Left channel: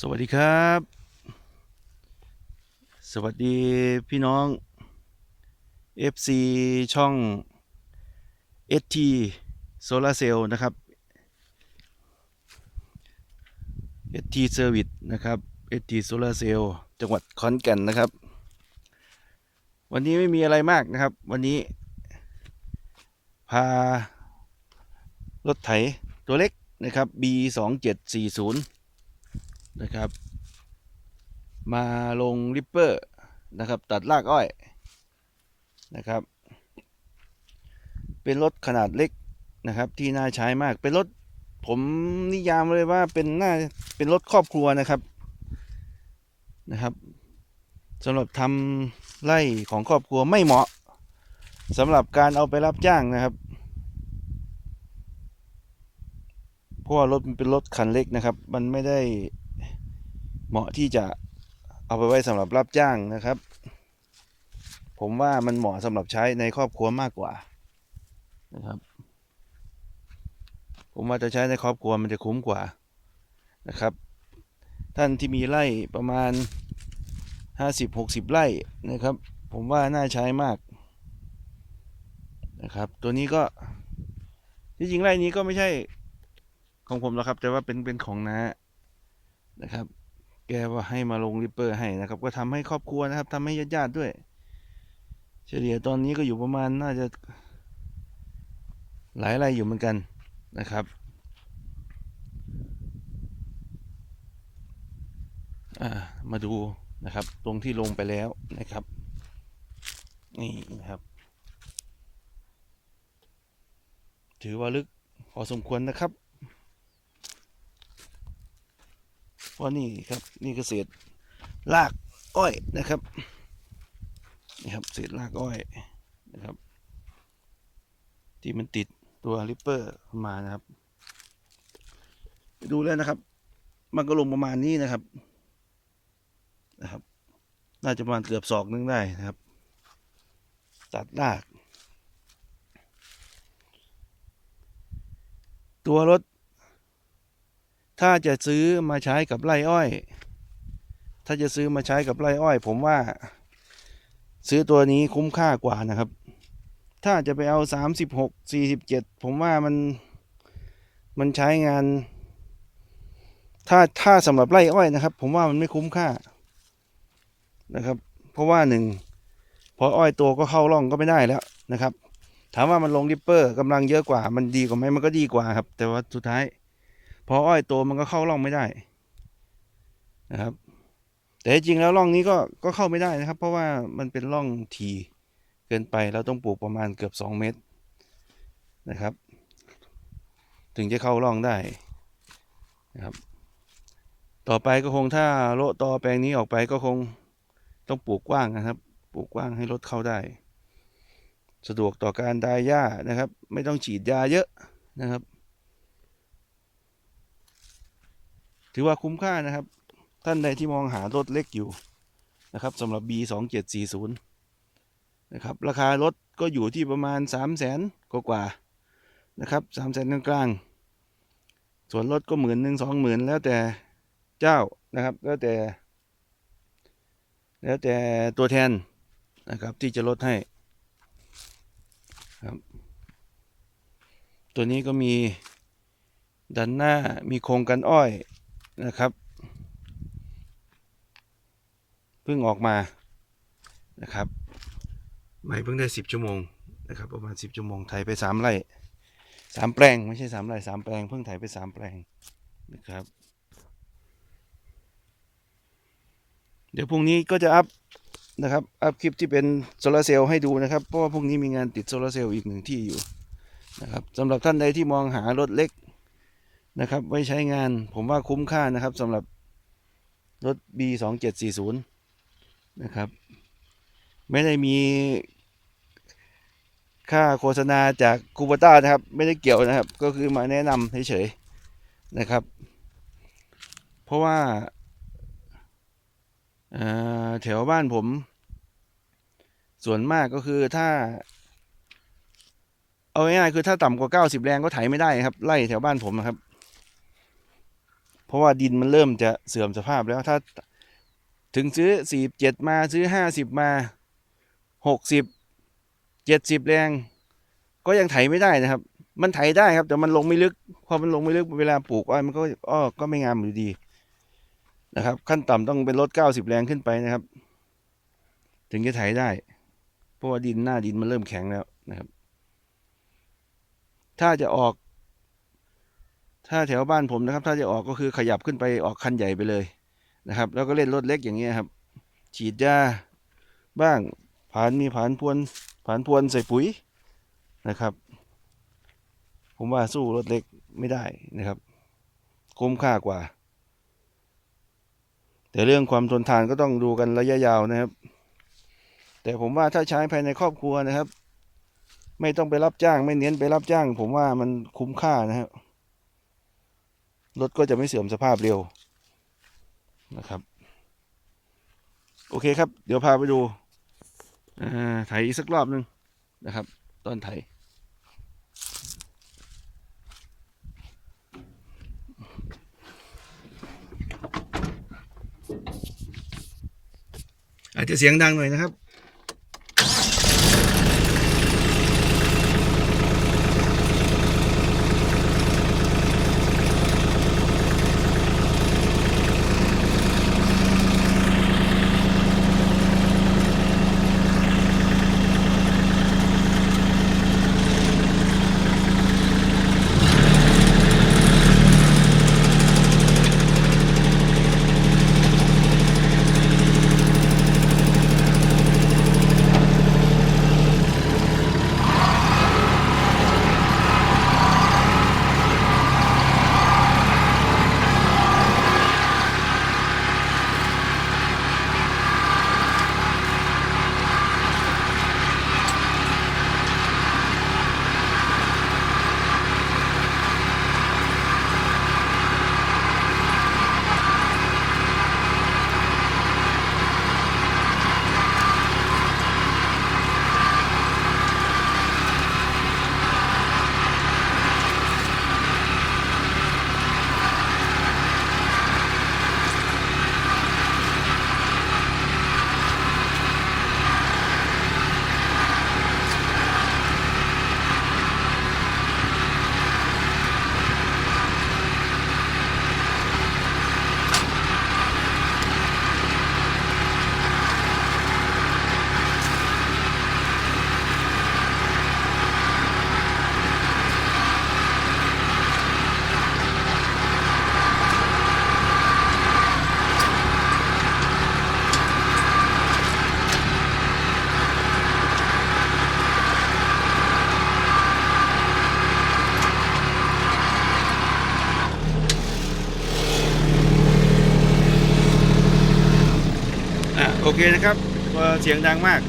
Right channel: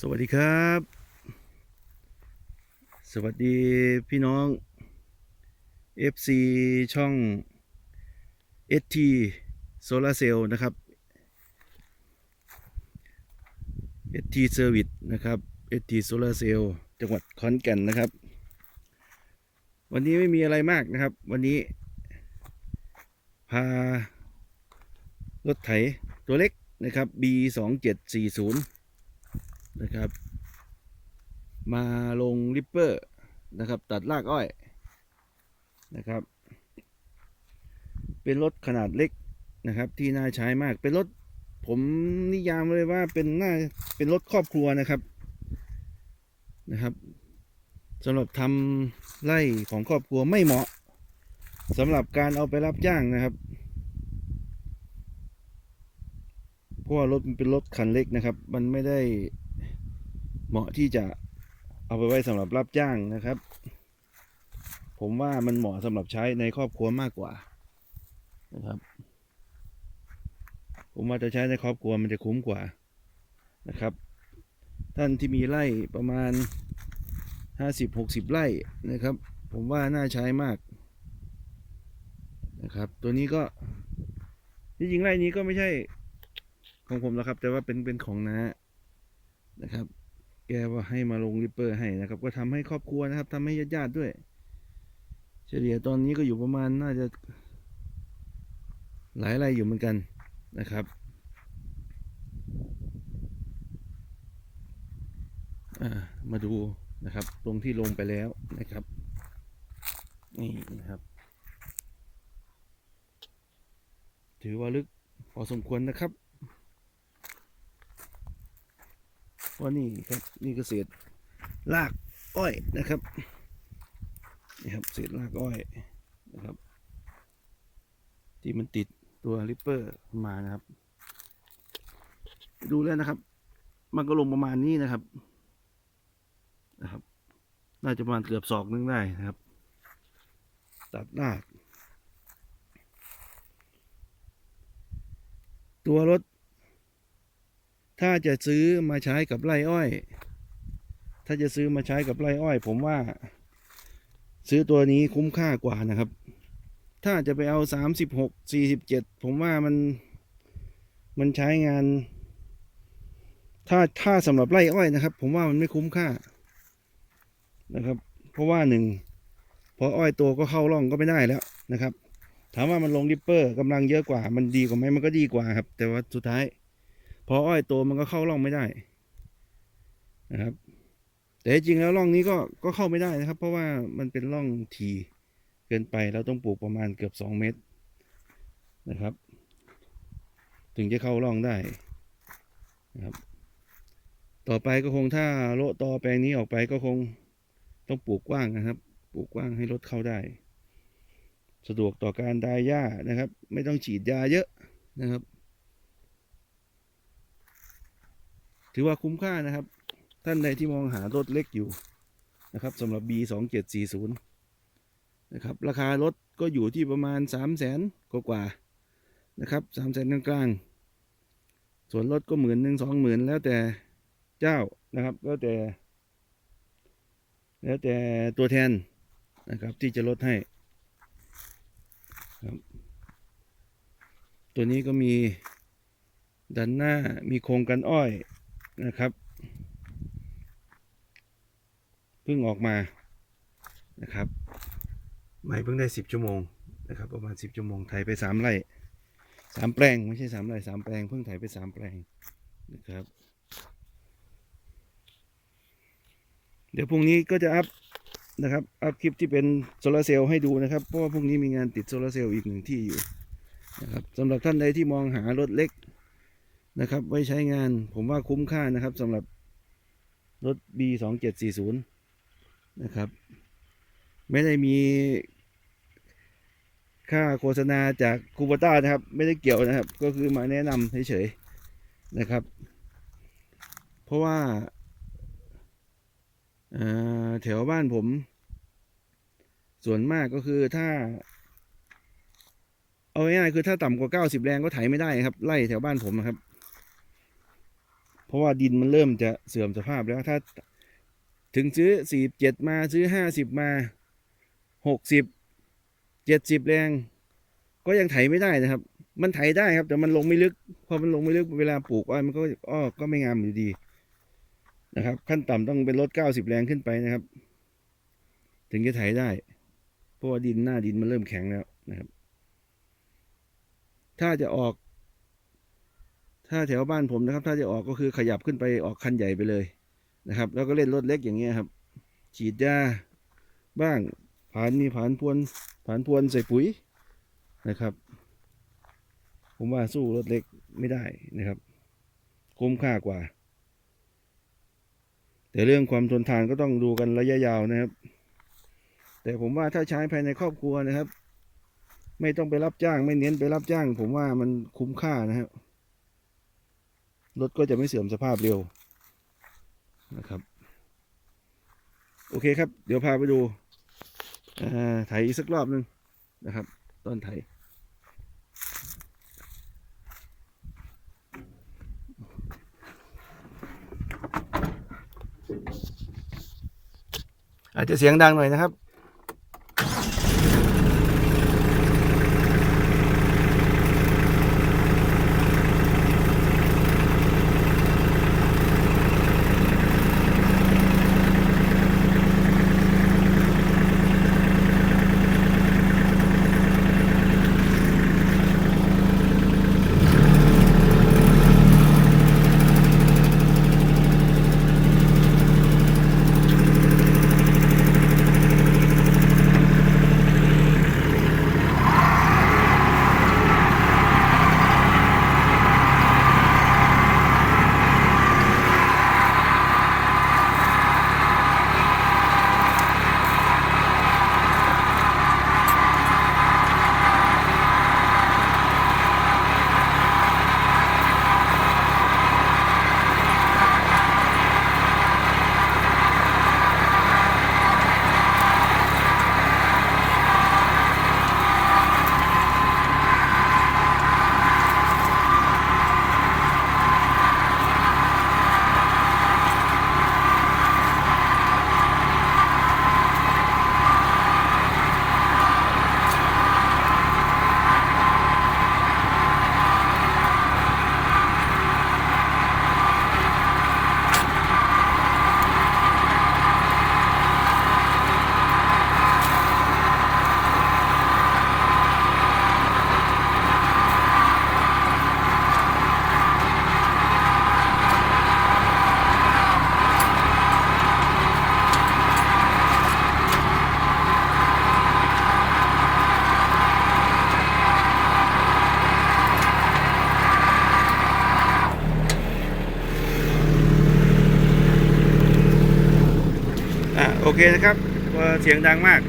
สวัสดีครับ สวัสดีพี่น้อง FC ช่อง ST Solar Cell นะครับ ST Service นะครับ ST Solar Cell จังหวัดขอนแก่นนะครับ วันนี้ไม่มีอะไรมากนะครับ วันนี้ พา รถไถตัวเล็กนะครับ B 2 7 4 0 นะครับ มาลงริปเปอร์นะครับ ตัดรากอ้อยนะครับ เป็นรถขนาดเล็กนะครับ ที่น่าใช้มากเป็นรถผมนิยามเลยว่าเป็นน่าเป็นรถครอบครัวนะครับนะครับสำหรับทำไร่ของครอบครัวไม่เหมาะสำหรับการเอาไปรับจ้างนะครับเพราะว่ารถมันเป็นรถคันเล็กนะครับ มันไม่ได้ เหมาะที่จะเอาไปไว้สำหรับรับจ้างนะครับ ผมว่ามันเหมาะสำหรับใช้ในครอบครัวมากกว่านะครับ ผมว่าจะใช้ในครอบครัวมันจะคุ้มกว่านะครับ ท่านที่มีไร่ประมาณ 50-60 ไร่นะครับ ผมว่าน่าใช้มากนะครับ ตัวนี้ก็ที่จริงไร่นี้ก็ไม่ใช่ของผมหรอกครับ แต่ว่าเป็นเป็นของน้านะครับ แกว่าให้มาลงริปเปอร์ให้นะครับ ก็ทำให้ครอบครัวนะครับทำให้ญาติญาติๆด้วย เฉลี่ยตอนนี้ก็อยู่ประมาณน่าจะ หลายไร่อยู่เหมือนกันนะครับ มาดูนะครับ ตรงที่ลงไปแล้วนะครับ นี่นะครับ ถือว่าลึกพอสมควรนะครับ เพราะนี่ครับนี่ก็เศษรากอ้อยนะครับนี่ครับเศษรากอ้อยนะครับ ที่มันติดตัวริปเปอร์มานะครับ ดูแล้วนะครับ มันก็ลงประมาณนี้นะครับนะครับ น่าจะประมาณเกือบศอกนึงได้นะครับ ตัดราก ตัวรถ ถ้าจะซื้อมาใช้กับไร่อ้อย ถ้าจะซื้อมาใช้กับไร่อ้อย ผมว่า ซื้อตัวนี้คุ้มค่ากว่านะครับ ถ้าจะไปเอาสามสิบหกสี่สิบเจ็ดผมว่ามันมันใช้งาน ถ้าถ้าสำหรับไร่อ้อยนะครับ ผมว่ามันไม่คุ้มค่านะครับ เพราะว่าหนึ่งพออ้อยโตก็เข้าร่องก็ไม่ได้แล้วนะครับ ถามว่ามันลงริปเปอร์กำลังเยอะกว่า มันดีกว่าไหมมันก็ดีกว่าครับ แต่ว่าสุดท้าย พออ้อยโตมันก็เข้าร่องไม่ได้นะครับ แต่จริงแล้วร่องนี้ก็ก็เข้าไม่ได้นะครับ เพราะว่ามันเป็นร่องทีเกินไปเราต้องปลูกประมาณเกือบสองเมตรนะครับ ถึงจะเข้าร่องได้นะครับ ต่อไปก็คงถ้าโละตอแปลงนี้ออกไปก็คงต้องปลูกกว้างนะครับ ปลูกกว้างให้รถเข้าได้ สะดวกต่อการดายหญ้านะครับ ไม่ต้องฉีดยาเยอะนะครับ ถือว่าคุ้มค่านะครับ ท่านใดที่มองหารถเล็กอยู่นะครับสำหรับ B 2 7 4 0นะครับราคารถก็อยู่ที่ประมาณ 3 0 0แสนกว่าๆนะครับ3 0 0แสนกลางๆส่วนรถก็หมื่นหนึ่งสองหมื่นแล้วแต่เจ้านะครับ แล้วแต่ แล้วแต่ตัวแทนนะครับที่จะลดให้ครับตัวนี้ก็มีดันหน้ามีโครงกันอ้อย นะครับเพิ่งออกมานะครับใหม่เพิ่งได้สิบชั่วโมงนะครับ ประมาณสิบชั่วโมงไถไปสามไร่สามแปลงไม่ใช่สามไร่สามแปลงเพิ่งไถไปสามแปลงนะครับ เดี๋ยวพรุ่งนี้ก็จะอัพนะครับอัพคลิปที่เป็นโซลาร์เซลล์ให้ดูนะครับ เพราะว่าพรุ่งนี้มีงานติดโซลาร์เซลล์อีกหนึ่งที่อยู่นะครับสำหรับท่านใดที่มองหารถเล็ก นะครับ ไว้ใช้งานผมว่าคุ้มค่านะครับสำหรับรถ B 2 7 4 0 นะครับ ไม่ได้มีค่าโฆษณาจากคูปต้านะครับ ไม่ได้เกี่ยวนะครับ ก็คือมาแนะนำเฉยๆนะครับ เพราะว่าแถวบ้านผม ส่วนมากก็คือถ้า เอาง่ายๆคือถ้าต่ำกว่าเก้าสิบแรงก็ไถไม่ได้ครับ ไล่แถวบ้านผมนะครับ ราะว่าดินมันเริ่มจะเสื่อมสภาพแล้วถ้าถึงซื้อสี่เจ็ดมาซื้อห้าสิบมาหกสิบเจ็ดสิบแรง ก็ยังไถไม่ได้นะครับ มันไถได้ครับ แต่มันลงไม่ลึก พอมันลงไม่ลึกเวลาปลูกอ้อยมันก็อ้อก็ไม่งามอยู่ดีนะครับ ขั้นต่ำต้องเป็นรถเก้าสิบแรงขึ้นไปนะครับ ถึงจะไถได้ เพราะว่าดินหน้าดินมันเริ่มแข็งแล้วนะครับ ถ้าจะออก ถ้าแถวบ้านผมนะครับ ถ้าจะออกก็คือขยับขึ้นไปออกคันใหญ่ไปเลยนะครับ แล้วก็เล่นรถเล็กอย่างเงี้ยครับ ฉีดยาบ้างผ่านมีผ่านพวนผ่านพวนใส่ปุ๋ยนะครับ ผมว่าสู้รถเล็กไม่ได้นะครับ คุ้มค่ากว่า แต่เรื่องความทนทานก็ต้องดูกันระยะยาวนะครับ แต่ผมว่าถ้าใช้ภายในครอบครัวนะครับ ไม่ต้องไปรับจ้างไม่เน้นไปรับจ้าง ผมว่ามันคุ้มค่านะครับ รถก็จะไม่เสื่อมสภาพเร็วนะครับ โอเคครับ เดี๋ยวพาไปดูเอ่อไถอีกสักรอบหนึ่งนะครับ ตอนไถอาจจะเสียงดังหน่อยนะครับ โอเคนะครับเสียงดังมาก